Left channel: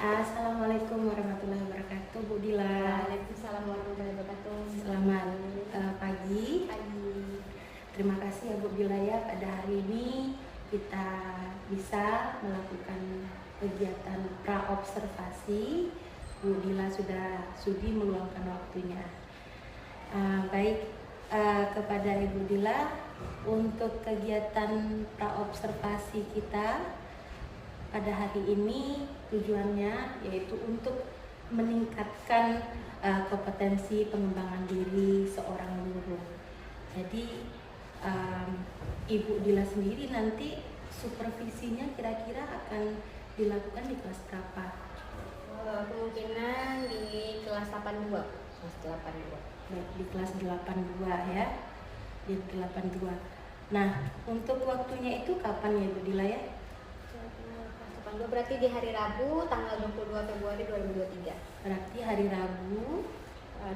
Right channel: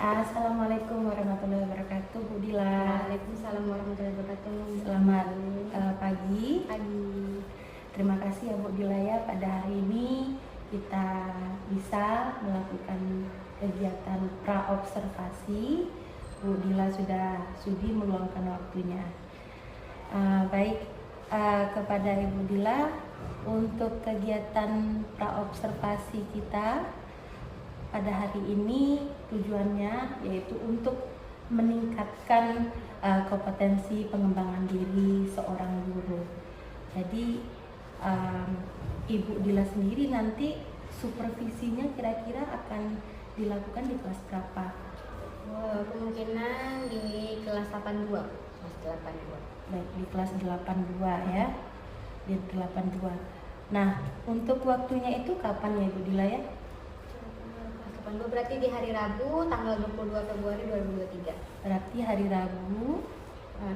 Assalamualaikum warahmatullahi wabarakatuh, Bu Dila. Waalaikumsalam warahmatullahi wabarakatuh. Selamat pagi. Pagi. Terima kasih ya Bu Dila ya, pada hari ini kita bisa melakukan kegiatan praobservasi. Bu Dila sudah sudi meluangkan waktunya. Kepada Ibu Dila, untuk kegiatan praobservasi kita pada hari ini tujuannya yaitu untuk meningkatkan kompetensi pengembangan diri seorang guru. Jadi Ibu Dila sendiri nanti supervisinya kira-kira akan dilakukan di kelas berapa? Kemungkinan di kelas 82, kelas 82. Baik, di kelas 82 ya. Di 82. Nah, untuk waktunya itu kapan ya Ibu Dila ya? Kelas 82 berarti di hari Rabu tanggal 22 Februari 2023. Berarti hari Rabu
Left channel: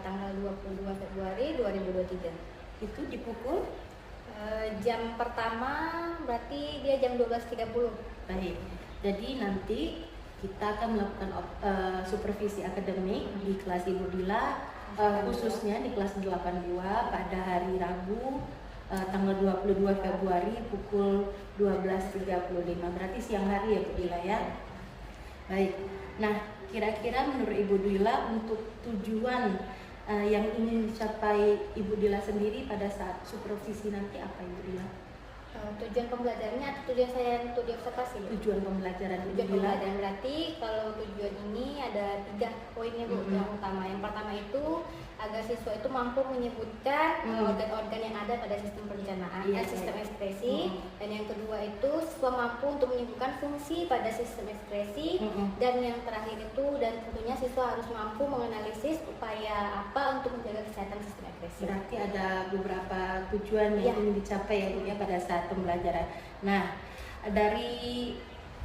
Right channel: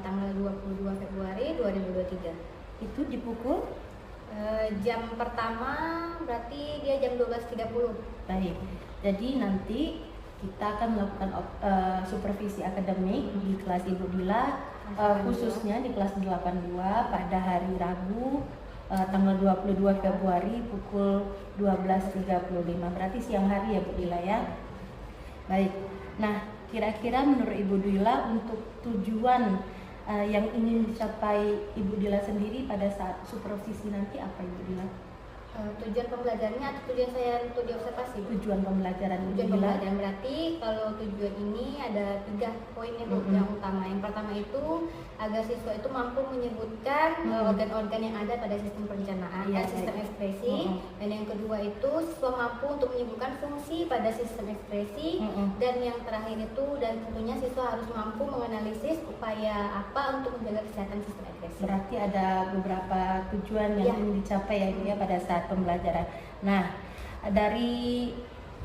Tanggal 22 Februari 2023. itu di pukul Jam pertama berarti dia jam 12.30. baik. Jadi nanti kita akan melakukan supervisi akademik di kelas Ibu Dila, khususnya di kelas 82 pada hari Rabu tanggal 22 Februari pukul 12.35. Berarti siang hari ya Bu Dila ya. Baik. Nah, kira-kira menurut Ibu Dila untuk tujuan yang ingin dicapai Ibu Dila sendiri pada saat supervisi nanti apa Ibu Dila? Tujuan pembelajarannya atau tujuan saya untuk diobservasi? Tujuan pembelajaran Ibu Tujuan Dila. pembelajaran berarti kalau tujuan ini ada 3 poinnya Bu. Yang utama, yang pertama itu agar siswa itu mampu menyebutkan organ-organ yang ada pada sistem perencanaan dan sistem ekspresi. Dan yang kedua itu siswa mampu untuk menyebutkan fungsi pada sistem ekspresi. Dan yang terakhir itu, dan tentunya siswa harus mampu menganalisis upaya apa untuk menjaga kesehatan sistem ekspresi. Berarti ada beberapa tujuan yang ingin dicapai ya Bu ya pada saat pembelajaran. Nah, dari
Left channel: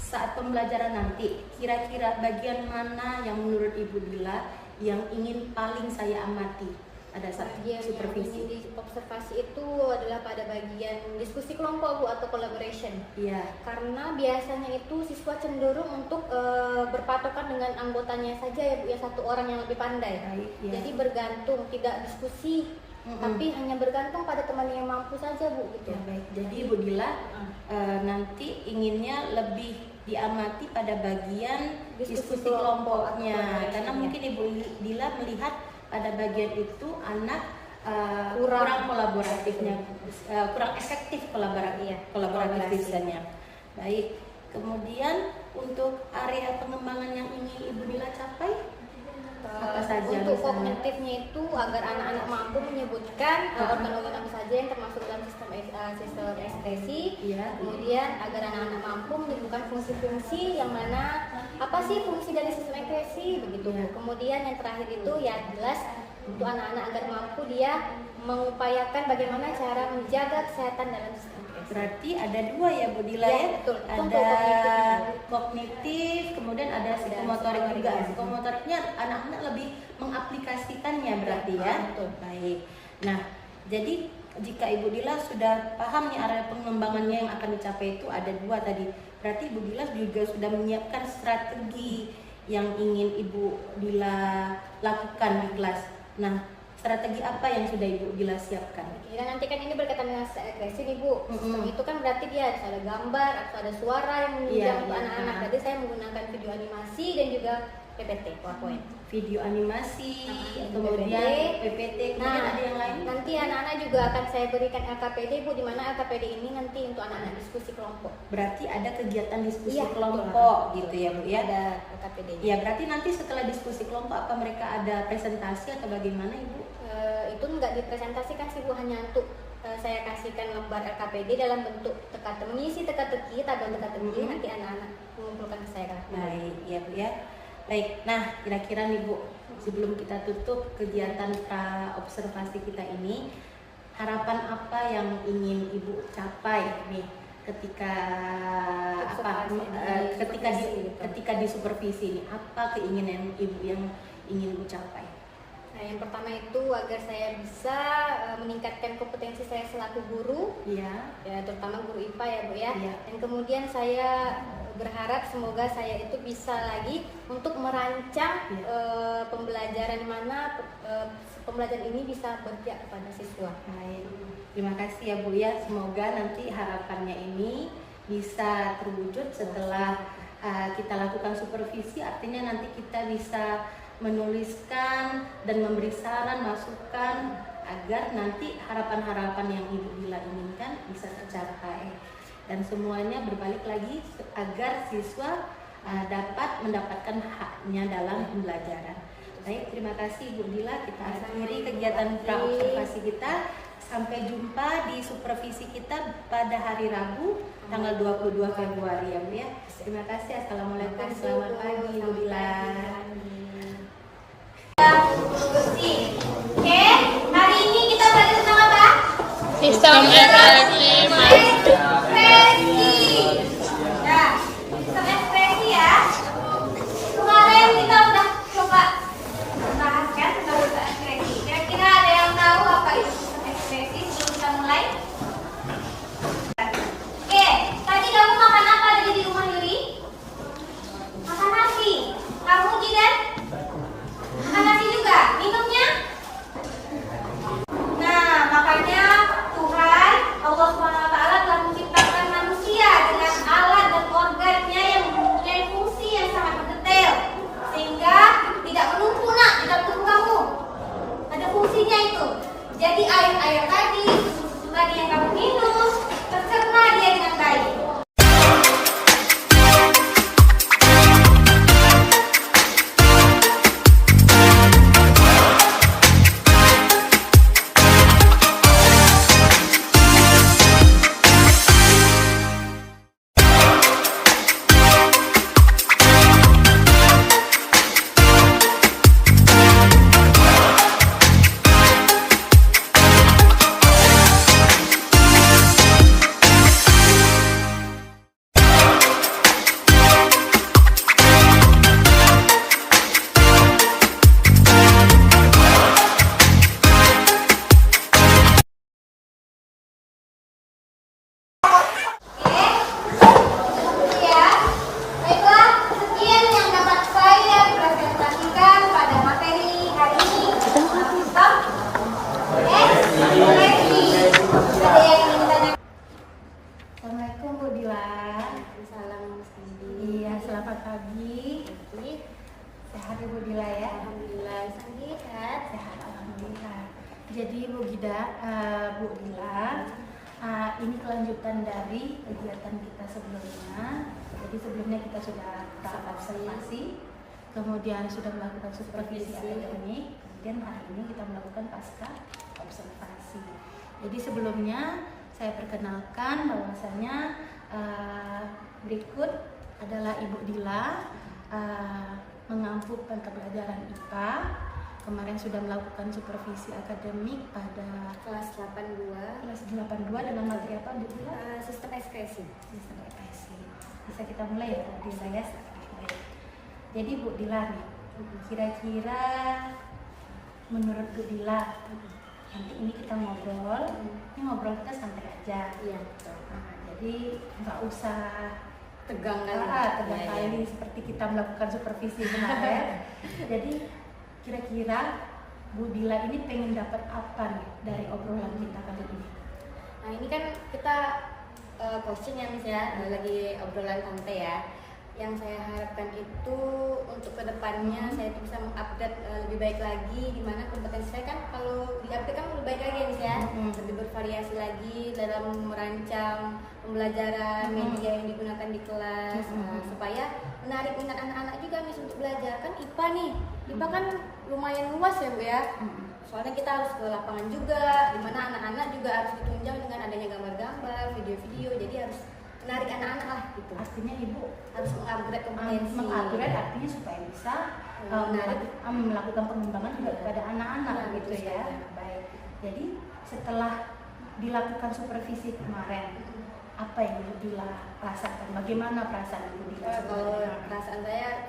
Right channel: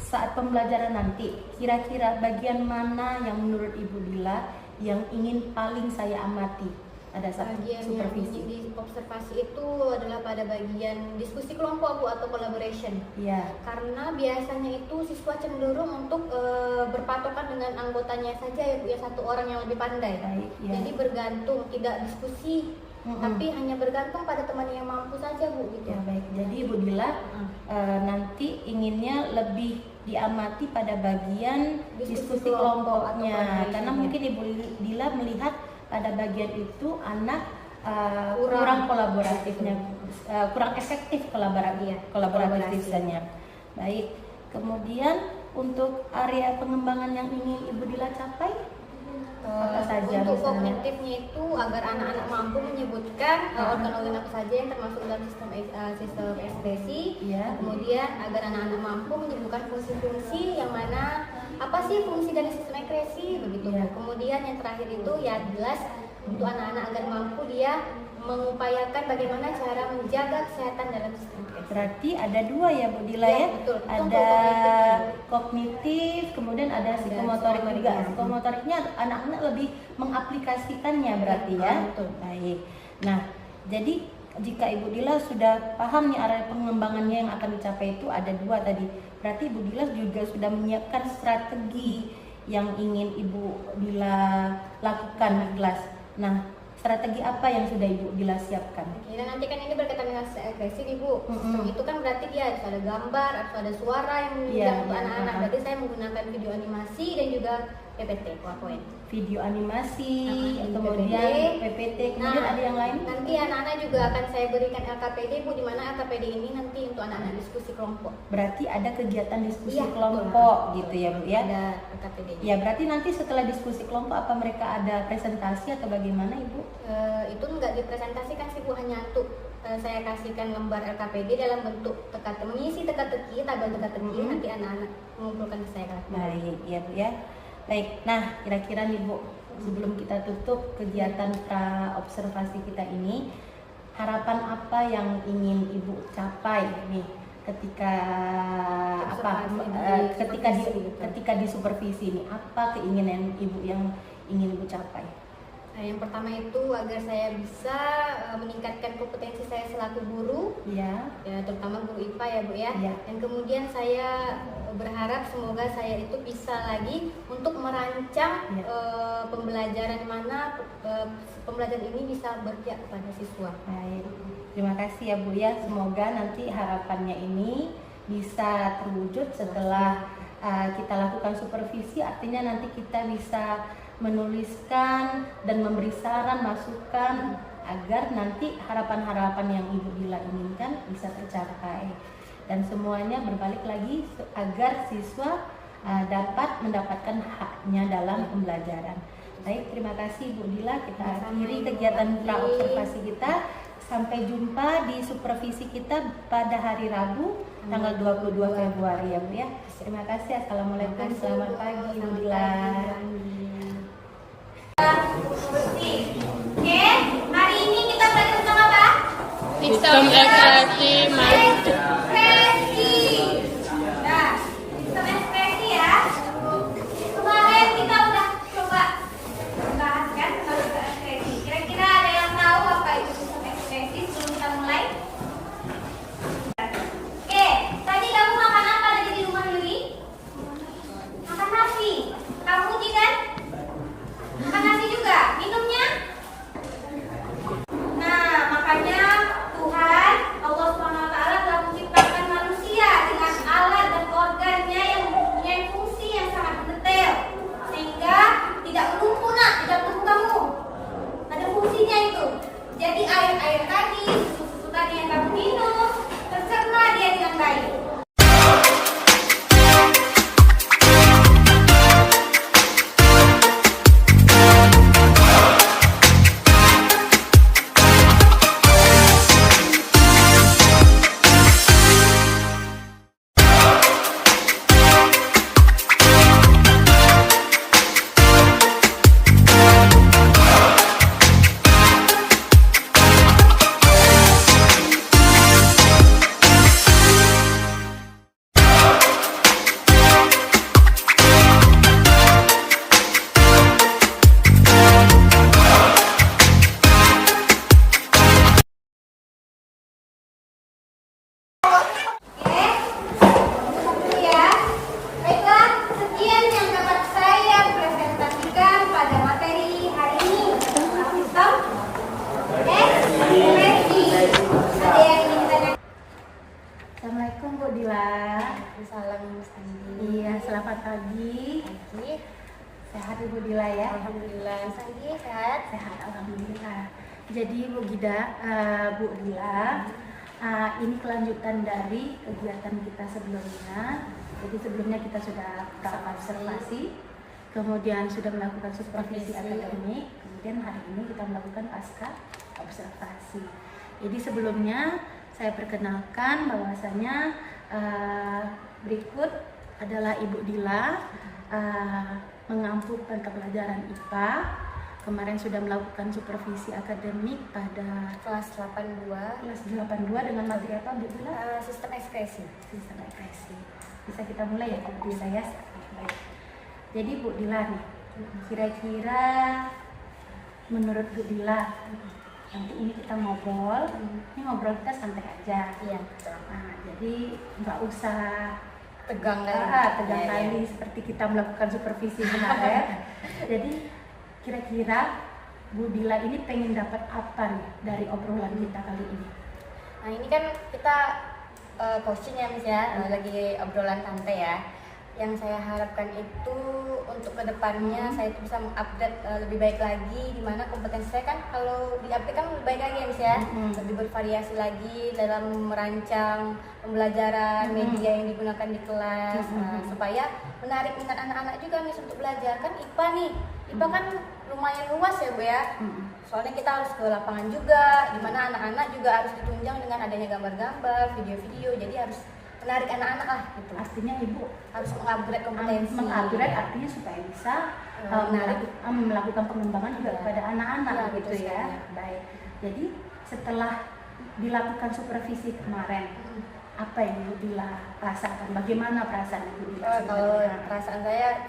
saat pembelajaran nanti, kira-kira bagian mana yang menurut Ibu Dila yang ingin paling saya amati pada saat Bagian supervisi? yang ingin diobservasi itu adalah pada bagian diskusi kelompok Bu, atau collaboration. Iya. Karena biasanya itu siswa cenderung untuk berpatokan dengan anggotanya saja ya Bu, ya, satu orang yang lebih pandai. Baik, ya. Jadi bergantung, tidak diskusi, tapi hanya bergantung pada teman yang mampu saja Bu gitu. Ya, baik. Jadi Ibu Dila nanti inginnya lebih diamati pada bagian diskusi kelompoknya, atau collaboration, karena ya. mungkin Ibu Dila melihat pada bagian itu anak Kurang kurang kolaboratifnya, kurang efektif kolaboratifnya. Baik. Kemudian untuk area pengembangan yang ingin Ibu Dila capai apa saja? Untuk misalnya? kognitifnya itu agar anak-anak mampu menyebutkan organ-organ apa saja yang termasuk dalam sistem ekspresi. Iya. Kemudian agar anak-anak mampu menyebutkan fungsi-fungsi yang mana apa sih fungsi dari sistem ekspresi begitu. Iya. Kemudian yang terakhir itu ya jelas untuk anak-anak agar mampu dia mengupayakan bagaimana cara menjaga kesehatan dalam sistem ekspresi. Berarti ada dua ya Bu Dila Ya, ya? betul. Itu Ada untuk kognitifnya. kognitif, kemudian ada psikomotorik juga. psikomotorik. Psikomotoriknya anak-anak lebih mengaplikasikannya berarti ya? Betul. Baik. Nah, jadi jika Ibu Dila sudah paham nih area pengembangannya yang akan dicapai itu ada dua tadi. Berarti Ibu Dila juga sudah menyiapkan strategi yang ingin Ibu Dila lakukan di kelas. Nah, strategi apa yang sudah Ibu Dila siapkan? Oke, dan nanti kan ini berkaitan dengan ekspresi nih Bu. Sistem itu kan berarti dia harus ada gambar, harus ada suara yang menunjang untuk anak-anak. Berarti saya menggunakan video animasi dan juga PPT, PowerPoint. Video animasi, PPT. kemudian PPT, kemudian ada yang lain? Nanti anak-anak juga akan saya berikan LKPD Bu, di mana LKPD ini nanti untuk anak-anak diskusi kelompok. Berarti ada kegiatan diskusi Iya, kelompok betul. gitu ya Bu ya? Ada LKPD. Ya, berarti nanti setelah diskusi kelompok apa mereka ada presentasi atau bagaimana Ibu? Itu nggak dipresentasikan sih Bu, hanya untuk saya kasihkan lembar LKPD dalam bentuk mengisi teka-teki, tabel teka-teki, nanti anak-anak mengumpulkan ke saya. Baik, ya Bu ya. Baik, nah kira-kira nih Bu, sebelum kita tutup kegiatan observasi kita ini, harapan apa yang ingin Ibu capai nih ketika ketika di supervisi ini, apa keinginan Ibu yang ingin Ibu capai? Nah, yang pertama itu agar saya bisa meningkatkan kompetensi saya selaku guru, Iya. ya terutama guru IPA ya Bu ya. Iya. Dan kemudian saya berharap semoga saya itu bisa lagi untuk merancang pembelajaran mana pembelajaran ini bisa berpihak kepada siswa. Baik. Terima kasih ya Bu ya. Semoga nanti harapannya ini bisa terwujud setelah kita lakukan supervisi. Artinya nanti kita bisa menuliskan dan memberi saran, masukan agar nanti harapan-harapan yang Ibu Dila inginkan bisa tercapai. Dan semuanya berbalik lagi agar siswa dapat mendapatkan haknya dalam pembelajaran. Baik, terima kasih Ibu Dila. Kita akhiri kegiatan praobservasi kita. Sampai jumpa di supervisi kita pada hari Rabu tanggal 22 Februari ya Bu ya. Terima kasih. Assalamualaikum. Selamat pagi Ibu Dila. Oke, hari ini kita belajar tentang apa? Sistem ekspresi Ekspresi. Nah, sistem ekspresi ya. Kemarin kita udah coba bahas kan tentang sistem ekspresi. Kira-kira ada yang tahu apa itu sistem ekspresi sebelum kita mulai? Oke, tadi kamu makan apa tadi di rumah Yuri? Makan nasi. Kamu Jidan? Makan nasi juga. Minumnya? Nah, makanya Tuhan Allah SWT telah menciptakan manusia dengan alat dan organnya yang mempunyai fungsi yang sangat mendetail, sehingga tidak menumpuk di dalam tubuh kamu. Ada fungsinya itu. Jadi air tadi, susu tadi yang kamu minum, tercerna dia dengan baik. Assalamualaikum Bu Dila. Salam Mas Andi. Iya, selamat pagi. Sehat Ibu Dila ya? Alhamdulillah. Mas Andi sehat. Sehat, alhamdulillah. Jadi Bu Dila, ini kelanjutan dari kegiatan kita sebelumnya. Jadi sebelumnya kita sudah observasi, kemudian sudah melakukan supervisi akademik, kemudian hari ini kita melakukan pasca observasi. Jadi sebelumnya saya perkenalkan bahwasanya berikut adalah Ibu Dila, mengampu mata pelajaran IPA. Kemarin sudah melakukan supervisi akademik pada Kelas 82. kelas 82 dengan materi apa Bu Dila? Sistem ekspresi. Sistem ekspresi. Bisa kita mulai ya Bu Dila ya. Baik. Jadi Bu Dila nih, kira-kira menurut Bu Dila, nanti ini kita ngobrol, ini ngobrol kita santai aja. Iya, betul. Nah, jadi nggak usah Tegang tegang kali seperti kita melakukan supervisi kemarin. Jadi kira-kira Bu Dila ini pengen dapat apa nih dari obrolan kita kali ini? Nah, ini kan kita coaching ya Miss ya, lagi obrolan santai ya. Yang saya harapkan itu untuk kedepannya saya itu bisa mengupdate lebih baik lagi, di mana kompetensi saya kan kalau di-update kan lebih baik lagi ya Miss ya, lebih bervariasi lagi dalam merancang pembelajaran, media yang digunakan di kelas, supaya menarik minat anak-anak juga Miss untuk belajar. Kan IPA nih, IPA kan lumayan luas ya Bu ya, soalnya kita harus ke lapangan juga, di mana anak-anak juga harus ditunjang dengan adanya gambar-gambar, video-video, jadi harus menarik anak-anak lah gitu. Artinya Ibu Harus mengupgrade kompetensi. mengupgrade artinya supaya bisa melakukan pengembangan juga kepada anak-anak Ya, gitu betul ya. sekali. Baik. Jadi setelah dilakukan supervisi kemarin, apa yang Ibu Dila rasakan? Bagaimana perasaan Ibu Dila? Kalau perasaan saya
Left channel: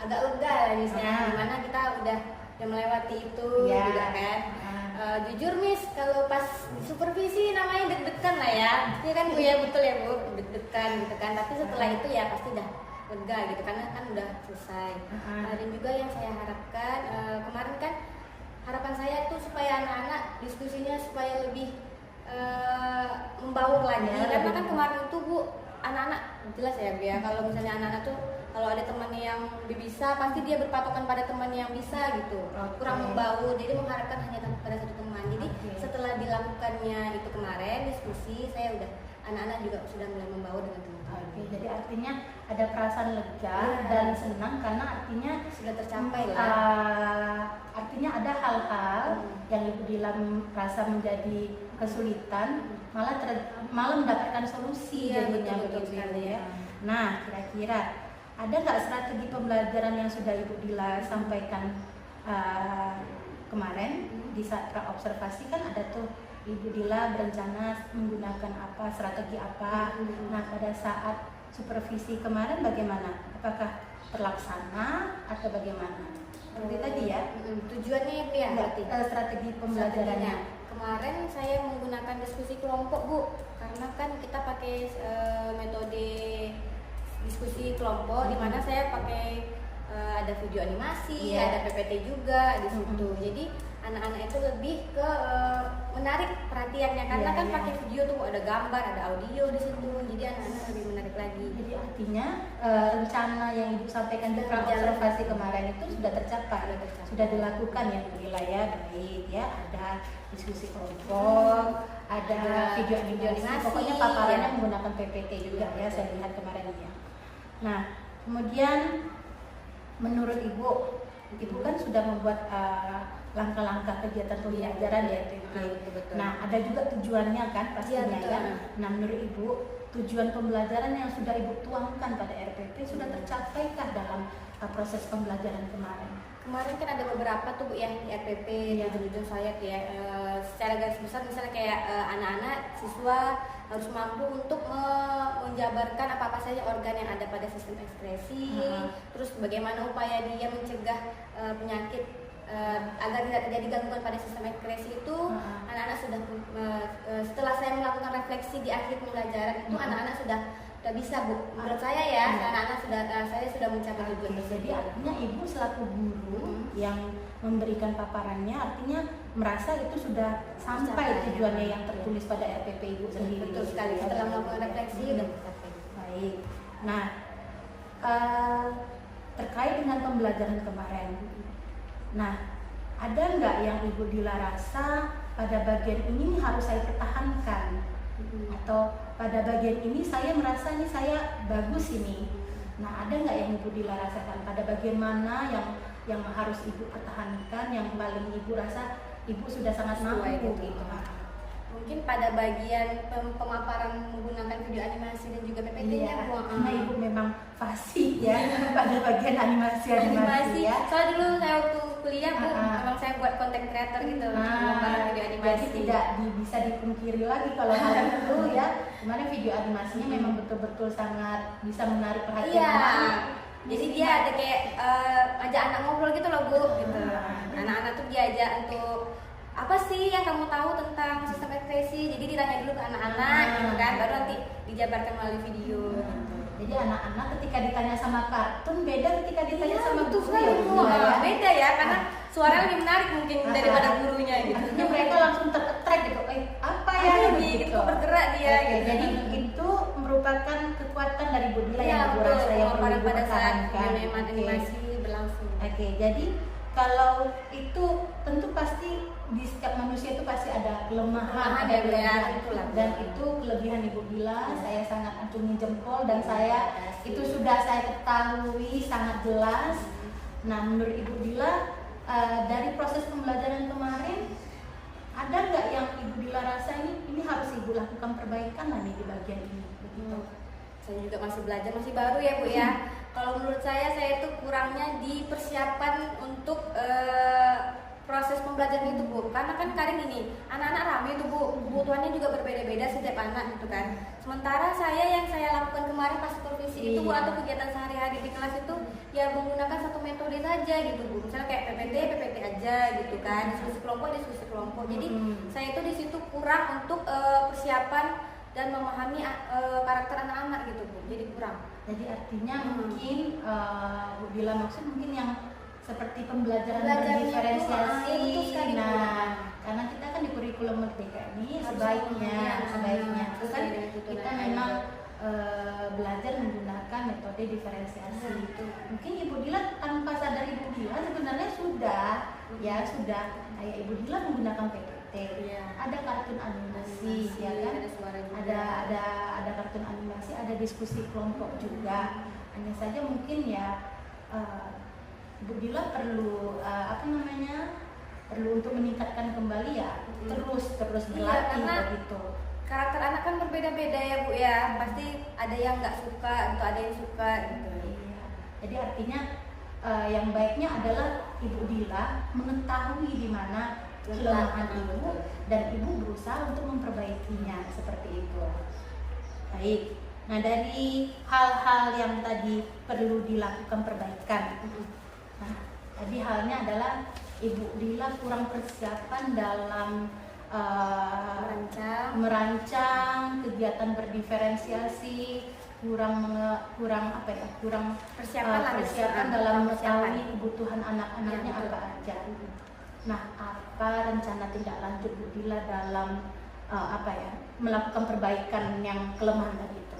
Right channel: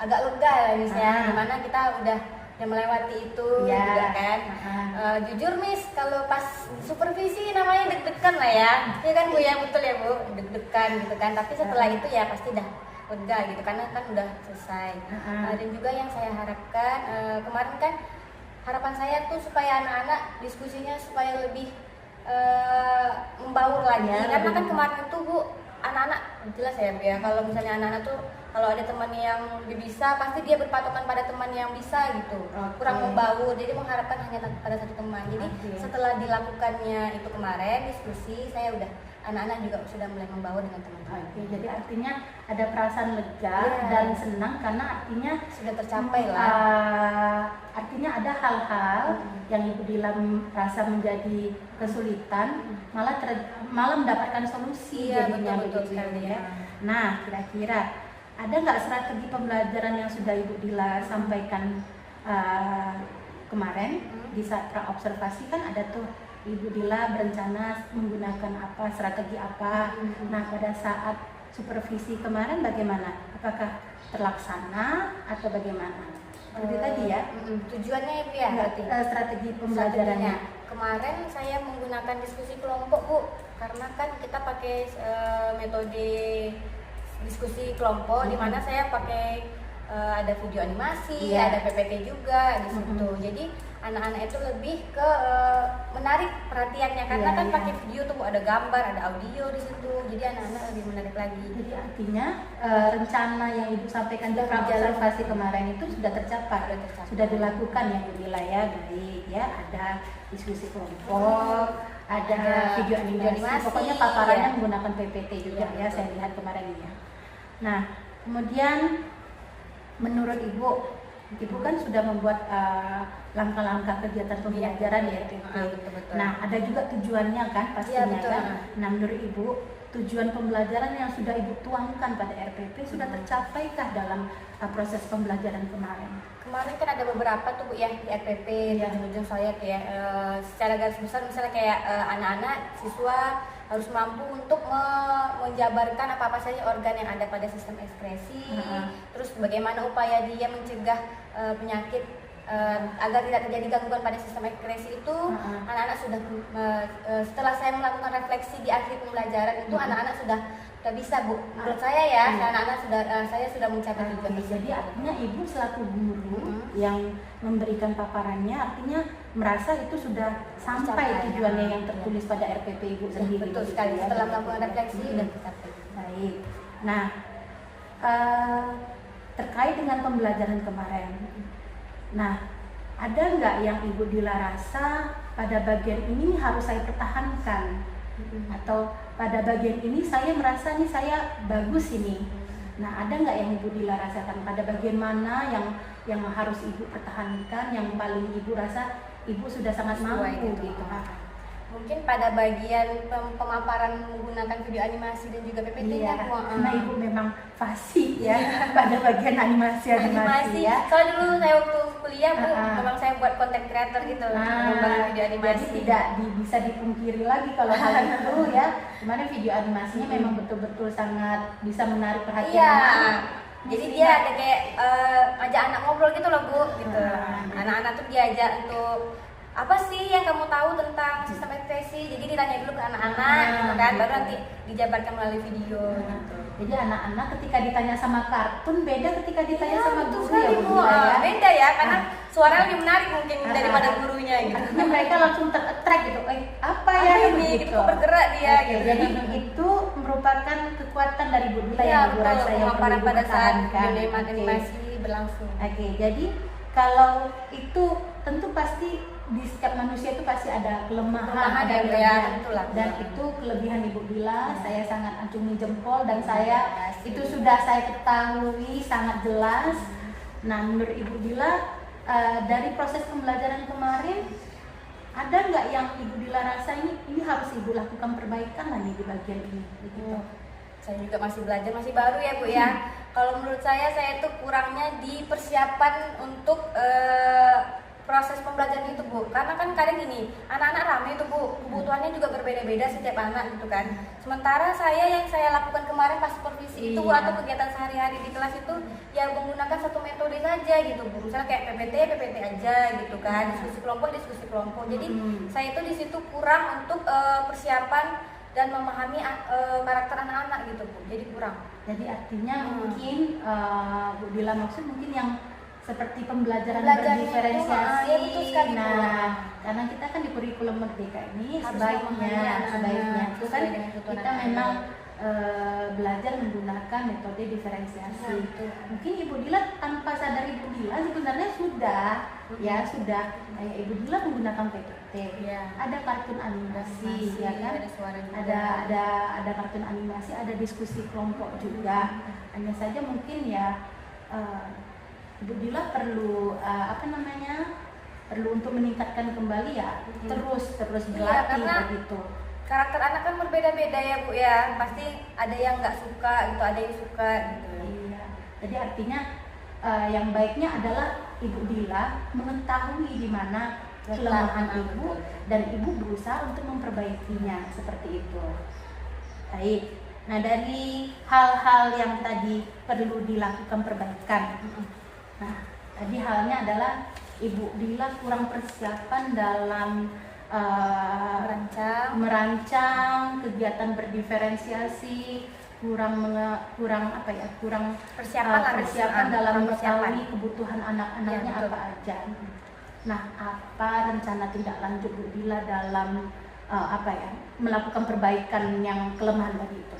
agak lega ya Miss ya, dimana kita udah yang melewati itu Iya. juga kan. Jujur Miss, kalau pas supervisi namanya deg-degan lah ya. Iya kan Bu ya, betul ya Bu, deg-degan gitu kan. Tapi setelah itu ya pasti dah lega gitu karena kan udah selesai. Dan juga yang saya harapkan kemarin kan harapan saya tuh supaya anak-anak diskusinya supaya lebih membaur lagi. Ya, Karena kan benar. kemarin itu Bu, anak-anak jelas ya Bu ya, kalau misalnya anak-anak tuh kalau ada teman yang lebih bisa pasti dia berpatokan pada teman yang bisa gitu. Kurang membaur, jadi mengharapkan hanya pada satu teman. Jadi setelah dilakukannya itu kemarin diskusi, saya udah anak-anak juga sudah mulai membaur dengan teman-teman. Oke, jadi artinya ada perasaan lega dan senang karena artinya Sudah tercapai lah. Artinya ada hal-hal yang Ibu bilang rasa menjadi kesulitan malah mendapatkan solusi Iya, jadinya betul begitu sekali ya. Nah, kira-kira ada nggak strategi pembelajaran yang sudah Ibu Dila sampaikan kemarin di saat praobservasi kan ada tuh Ibu Dila berencana menggunakan apa, strategi apa. Nah, pada saat supervisi kemarin bagaimana? Apakah terlaksana atau bagaimana? Seperti tadi ya. Tujuannya itu ya berarti. Strategi pembelajarannya. Kemarin saya menggunakan diskusi kelompok Bu, karena kan kita pakai metode diskusi kelompok di mana saya pakai ada video animasi, ada PPT juga di situ. Jadi anak-anak itu lebih ke menarik perhatiannya karena kan pakai video tuh ada gambar, ada audio di situ. Jadi anak-anak lebih menarik lagi. Jadi artinya rencana yang Ibu sampaikan di observasi kemarin itu sudah tercapai, sudah dilakukan ya Bu Dila ya, baik ya. Ada diskusi kelompok, ada video animasi, pokoknya paparannya menggunakan PPT juga ya, saya lihat kemarin ya. Nah, kemudian menurut Ibu kan sudah membuat langkah-langkah kegiatan pembelajaran ya. Betul. Nah, ada juga tujuannya kan pastinya kan. Nah, menurut Ibu tujuan pembelajaran yang sudah Ibu tuangkan pada RPP sudah tercapaikah dalam proses pembelajaran kemarin? Kemarin kan ada beberapa tuh Bu ya di RPP di ujung saya tuh ya. Secara garis besar misalnya kayak anak-anak siswa harus mampu untuk menjabarkan apa-apa saja organ yang ada pada sistem ekskresi, terus bagaimana upaya dia mencegah penyakit agar tidak terjadi gangguan pada sistem ekskresi itu. Anak-anak sudah setelah saya melakukan refleksi di akhir pembelajaran itu anak-anak sudah bisa Bu, menurut saya ya, anak-anak saya sudah mencapai tujuan tersebut. Jadi artinya Ibu selaku guru yang memberikan paparannya artinya merasa itu sudah sampai tujuannya yang tertulis pada RPP Ibu sendiri. Betul sekali, setelah melakukan refleksi dan tercapai. Baik. Nah, terkait dengan pembelajaran kemarin, nah ada nggak yang Ibu Dila rasa pada bagian ini harus saya pertahankan, atau pada bagian ini saya merasa nih saya bagus ini. Nah, ada nggak yang Ibu Dila rasakan pada bagian mana yang harus Ibu pertahankan, yang paling Ibu rasa Ibu sudah sangat mampu gitu. Mungkin pada bagian pemaparan menggunakan video animasi dan juga PPT-nya. Karena Ibu memang fasih ya pada bagian animasi ya. Soalnya dulu saya waktu kuliah Bu, memang saya buat content creator gitu, mengembangkan video animasi. Jadi tidak bisa dipungkiri lagi kalau hal itu ya. Kemarin video animasinya memang betul-betul sangat bisa menarik perhatian anak. Jadi dia ada kayak ajak anak ngobrol gitu loh Bu, gitu. Anak-anak tuh diajak untuk apa sih yang kamu tahu tentang sistem ekspresi? Jadi ditanya dulu ke anak-anak, gitu kan, baru nanti dijabarkan melalui video. Gitu. Jadi anak-anak ketika ditanya sama kartun beda ketika ditanya sama guru ya Bu. Beda ya, karena suaranya lebih menarik mungkin daripada gurunya gitu. Nah, mereka langsung ter-attract gitu. Apa ya ini gitu, bergerak dia gitu. Jadi itu merupakan kekuatan dari Bu Dila yang Ibu rasa yang perlu perlu pada saat dipertahankan. animasi berlangsung. Jadi kalau itu tentu pasti di setiap manusia itu pasti ada kelemahan, ada kelebihan, dan itu kelebihan Ibu Dila. Saya sangat acungi jempol dan itu sudah saya ketahui sangat jelas. Nah, menurut Ibu Dila dari proses pembelajaran kemarin ada nggak yang Ibu Dila rasa ini harus Ibu lakukan perbaikan nih di bagian ini? Begitu. Saya juga masih belajar, masih baru ya Bu ya. Kalau menurut saya itu kurangnya di persiapan untuk proses pembelajaran itu Bu, karena kan kadang gini, anak-anak ramai itu Bu, kebutuhannya juga berbeda-beda setiap anak gitu kan. Sementara yang saya lakukan kemarin pas supervisi itu Bu, atau kegiatan sehari-hari di kelas itu ya menggunakan satu metode saja gitu Bu, misalnya kayak PPT aja gitu kan, diskusi kelompok. Jadi saya itu di situ kurang untuk persiapan dan memahami karakter anak-anak gitu Bu, jadi kurang. Jadi artinya mungkin Bu Dila maksud mungkin yang seperti pembelajaran Belajarnya berdiferensiasi. itu, ya betul sekali, Bu. Karena kita kan di kurikulum Merdeka ini Harus sebaiknya memahami itu kan kita memang belajar menggunakan metode diferensiasi. Mungkin Ibu Dila tanpa sadar Ibu Dila sebenarnya sudah kayak Ibu Dila menggunakan PPT. Ada kartun animasi, ya kan? Ada kartun animasi, ada diskusi kelompok juga. Hanya saja mungkin ya Ibu Dila perlu perlu untuk meningkatkan kembali ya, terus berlatih begitu. Karakter anak kan berbeda-beda ya Bu ya, pasti ada yang nggak suka gitu, ada yang suka gitu. Iya. Jadi artinya yang baiknya adalah Ibu Dila mengetahui di mana kelemahan Ibu dan Ibu berusaha untuk memperbaikinya seperti itu. Baik. Nah, dari hal-hal yang tadi perlu dilakukan perbaikan. Nah, tadi halnya adalah Ibu Dila kurang persiapan dalam merancang kegiatan berdiferensiasi, kurang persiapan dalam mengetahui kebutuhan anak-anaknya apa aja. Nah, apa rencana tindak lanjut Bu Dila dalam melakukan perbaikan yang kelemahan tadi itu?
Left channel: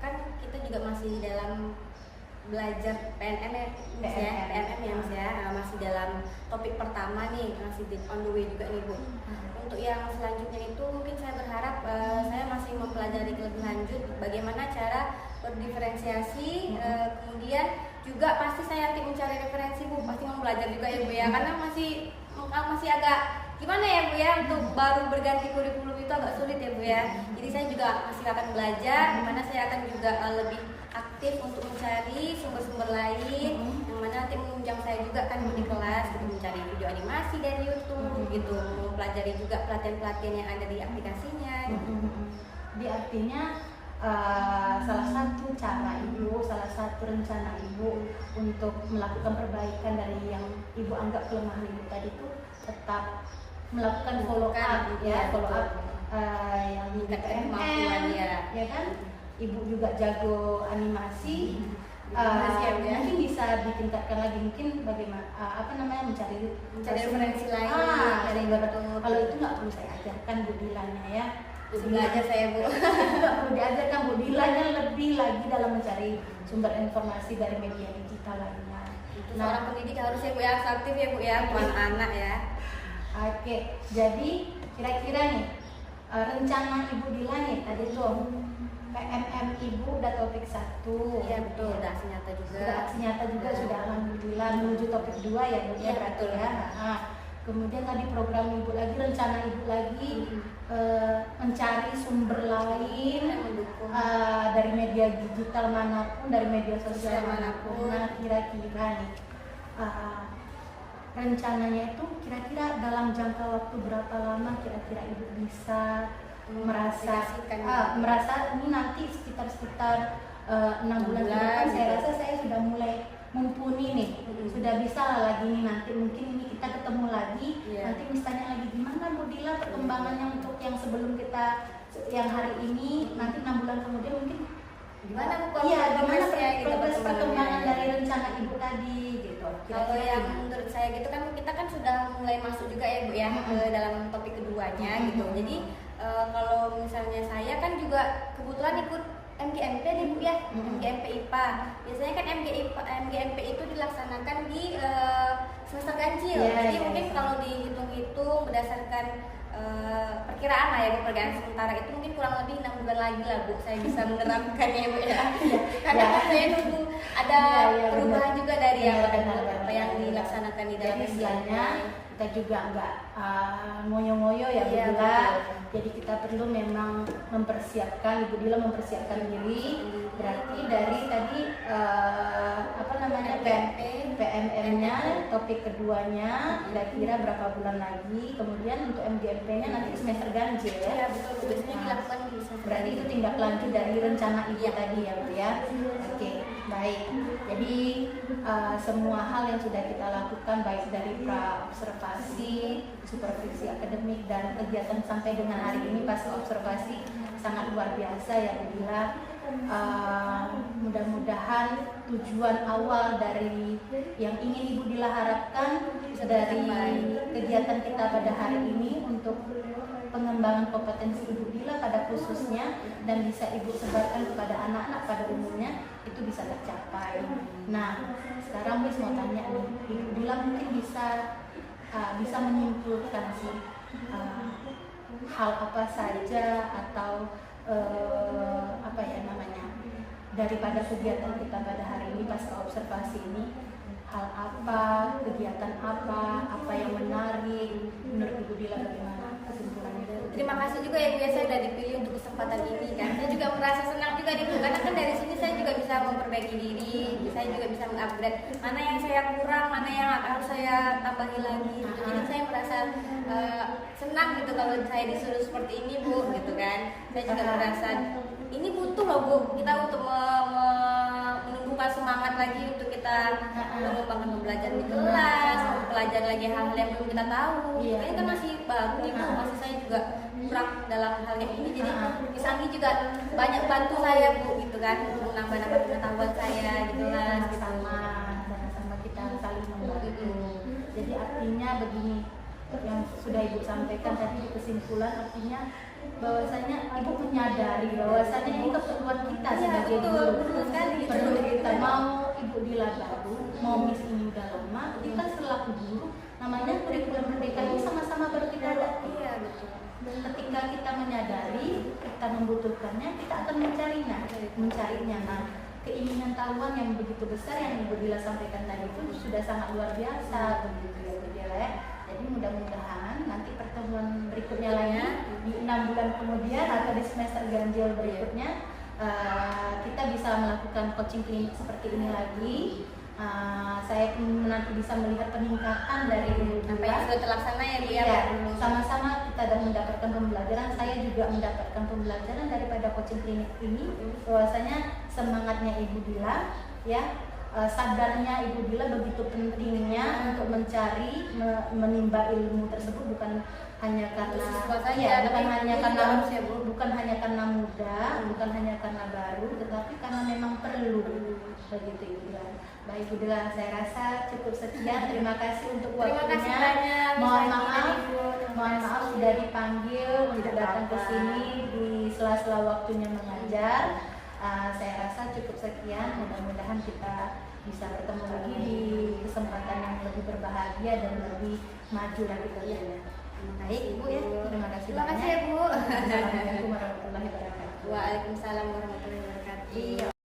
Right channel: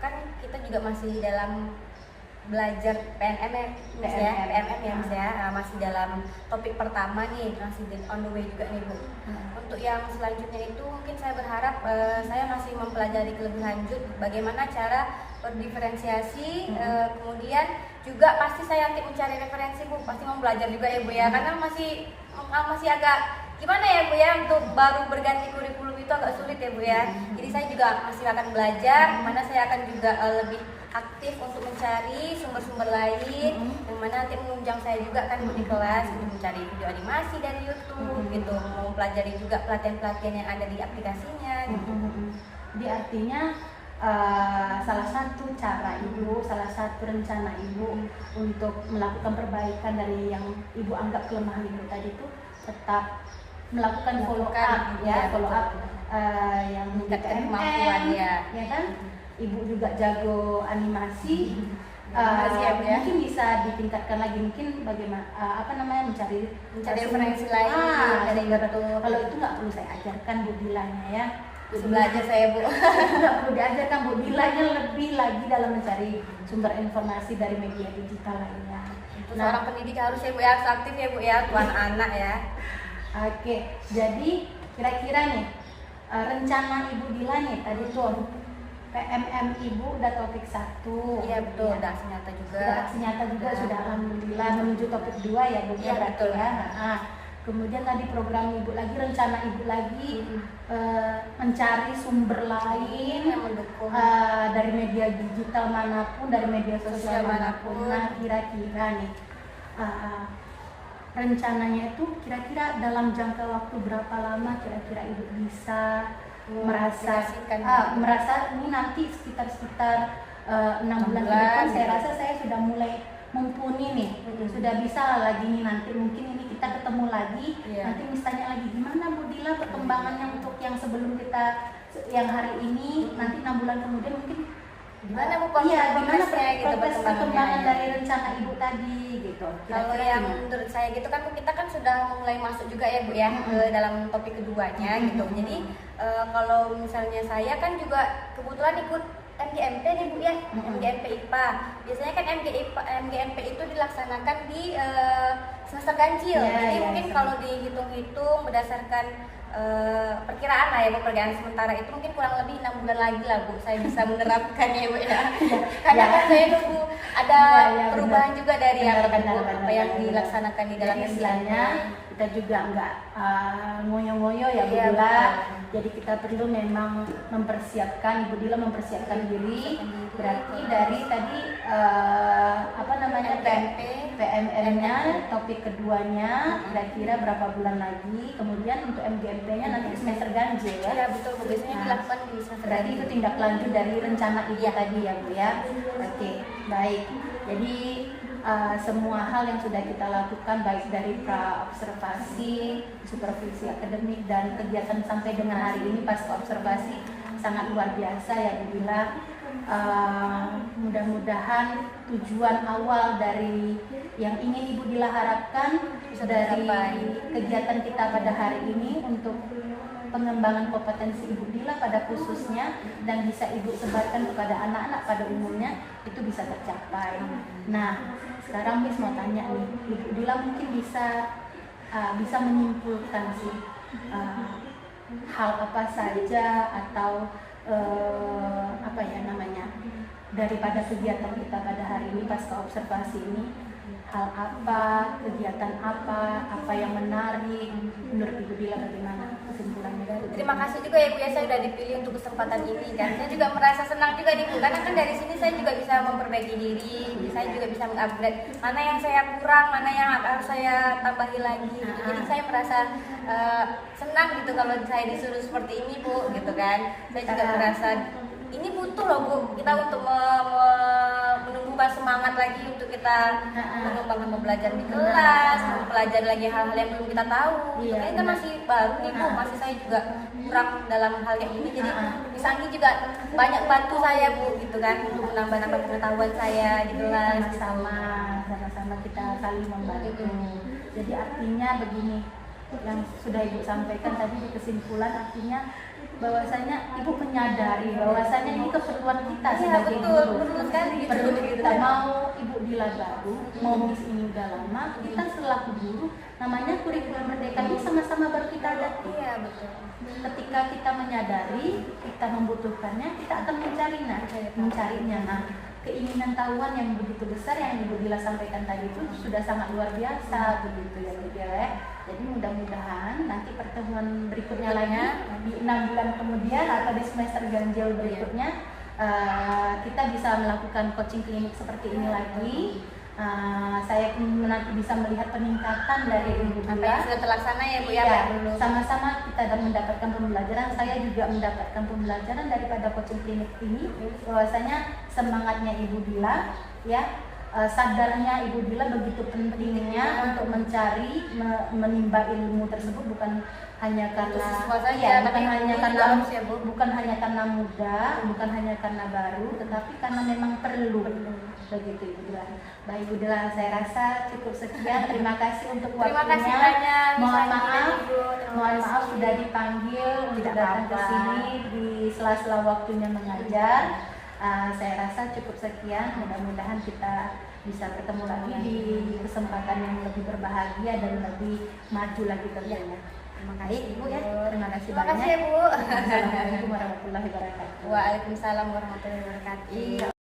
Kan kita juga masih dalam belajar PNM ya, masih dalam topik pertama nih, masih on the way juga nih Bu. Untuk yang selanjutnya itu mungkin saya berharap saya masih mempelajari lebih lanjut bagaimana cara berdiferensiasi, kemudian juga pasti saya yakin mencari referensi Bu, pasti mau belajar juga ya Bu ya, karena masih agak gimana ya Bu ya, untuk baru berganti kurikulum itu agak sulit ya Bu ya. Jadi saya juga masih akan belajar, mana saya akan juga lebih aktif untuk mencari sumber-sumber lain, yang mana nanti menunjang saya juga kan di kelas, gitu, mencari video animasi dari YouTube, gitu, mau pelajari juga pelatihan-pelatihan yang ada di aplikasinya. Gitu. Jadi artinya salah satu cara Ibu, salah satu rencana Ibu untuk melakukan perbaikan dari yang Ibu anggap kelemahan Ibu tadi itu tetap melakukan follow up yang meningkatkan kemampuan ya kan? Ibu juga jago animasi, mungkin bisa ditingkatkan lagi, mungkin bagaimana mencari referensi lain, kalau itu nggak perlu saya ajarkan Bu Dilanya ya. Belajar saya Bu. Nggak perlu diajarkan Bu Dilanya lebih lagi dalam mencari sumber informasi dari media digital lainnya. Seorang pendidik harus ya Bu ya, aktif ya Bu ya, buat anak ya. Oke, jadi kira-kira nih rencana Ibu Dila nih tadi tuh PMM Ibu udah topik 1. Iya betul, udah aksi nyata juga. Sudah alhamdulillah menuju topik 2 ya Bu ya, berarti ya. Nah, kemudian tadi program Ibu lagi, rencana Ibu lagi mencari sumber lain yang mendukung dari media digital manapun, dari media sosial manapun. Nah, kira-kira nih rencananya itu kira-kira dalam jangka waktu berapa lama kira-kira Ibu bisa merasa ini nanti sekitar 6 bulan ke depan saya rasa saya sudah mulai mumpuni nih, sudah bisa lagi nih, nanti mungkin ini kita ketemu lagi, nanti misalnya lagi gimana Bu Dila perkembangannya untuk yang sebelum kita yang hari ini, nanti 6 bulan kemudian mungkin gimana Bu progres perkembangan dari rencana Ibu tadi gitu. Kalau yang menurut saya gitu kan kita kan sudah mulai masuk juga ya Bu ya ke dalam topik keduanya gitu. Jadi kalau misalnya saya kan juga kebetulan ikut MGMP nih Bu ya, MGMP IPA. Biasanya kan MGMP itu dilaksanakan di semester ganjil. Jadi mungkin kalau dihitung-hitung berdasarkan perkiraan lah ya Bu, perkiraan sementara itu mungkin kurang lebih 6 bulan lagi lah Bu saya bisa menerapkannya Bu ya. Karena kan saya nunggu ada perubahan juga dari apa yang dilaksanakan di dalam istilahnya. Kita juga nggak ngoyo-ngoyo ya Bu Dila. Jadi kita perlu memang mempersiapkan, Ibu Dila mempersiapkan diri. Berarti dari tadi PMP MM-nya topik keduanya kira-kira berapa bulan lagi, kemudian untuk MGMP-nya nanti semester ganjil ya. Iya betul Bu, biasanya dilakukan di semester Berarti itu ganjil. tindak lanjut dari rencana ibu tadi ya Bu ya. Oke, baik. Jadi semua hal yang sudah kita lakukan baik dari pra observasi, supervisi akademik dan kegiatan sampai dengan hari ini pas observasi sangat luar biasa ya Bu Dila. Mudah-mudahan tujuan awal dari yang ingin Ibu Dila harapkan dari kegiatan kita pada hari ini untuk pengembangan kompetensi Ibu Dila pada khususnya dan bisa Ibu sebarkan kepada anak-anak pada umumnya itu bisa tercapai. Nah, sekarang Miss mau tanya nih, Ibu Dila mungkin bisa menyimpulkan sih hal apa saja atau apa ya namanya daripada kegiatan kita pada hari ini pasca observasi ini, hal apa, kegiatan apa yang menarik menurut Ibu Dila, bagaimana kesimpulannya dari Terima kasih juga ya Bu ya, saya sudah dipilih untuk kesempatan ini kan. Saya juga merasa senang juga nih Bu, karena kan dari sini saya juga bisa memperbaiki diri, saya juga bisa mengupgrade mana yang saya kurang, mana yang harus saya tambahi lagi. Jadi saya merasa senang gitu kalau saya disuruh seperti ini Bu, gitu kan. Saya juga merasa ini butuh loh Bu, kita untuk menumbuhkan semangat lagi untuk kita mengembangkan pembelajaran di kelas, mempelajari lagi hal-hal yang belum kita tahu. Iya, Ini kan masih baru nih Bu, masih saya juga kurang dalam hal yang ini. Jadi Miss juga banyak bantu saya Bu, gitu kan, untuk menambah-nambah pengetahuan saya di kelas. Sama-sama kita saling membantu. Jadi artinya begini, yang sudah Ibu sampaikan tadi di kesimpulan, artinya bahwasanya Ibu menyadari bahwasanya ini keperluan kita sebagai guru. Perlu sekali gitu. Perlu kita mau Ibu Dila baru, mau Miss ini udah lama, kita selaku guru namanya kurikulum merdeka ini sama-sama baru kita hadapi. Iya betul. Ketika kita menyadari kita membutuhkannya, kita akan mencarinya. Nah, keinginan tahuan yang begitu besar yang Ibu Dila sampaikan tadi itu sudah sangat luar biasa begitu ya Bu Dila ya. Jadi mudah-mudahan nanti pertemuan berikutnya lagi di 6 bulan kemudian atau di semester ganjil berikutnya kita bisa melakukan coaching klinik seperti ini lagi. Saya nanti bisa melihat peningkatan dari Ibu Apa Dila. yang sudah terlaksana ya Bu ya, Ya, Pak dulu. sama-sama kita dan mendapatkan pembelajaran. Saya juga mendapatkan pembelajaran daripada coaching klinik ini, bahwasanya semangatnya Ibu Dila ya, sadarnya Ibu Dila begitu pentingnya untuk mencari menimba ilmu tersebut, bukan hanya karena bukan hanya karena muda, bukan hanya karena baru, tetapi karena memang perlu begitu Ibu Dila. Baik Ibu Dila, saya rasa cukup sekian. Terima kasih untuk Terima kasih waktunya. banyak. Mohon maaf sudah dipanggil untuk datang ke sini di sela-sela waktunya mengajar. Saya rasa cukup sekian. Mudah-mudahan kita bisa bertemu lagi di kesempatan yang lebih berbahagia dan lebih maju lagi tentunya. Baik Ibu ya, terima kasih Terima banyak. kasih ya Bu. Assalamualaikum warahmatullahi wabarakatuh. Waalaikumsalam warahmatullahi wabarakatuh.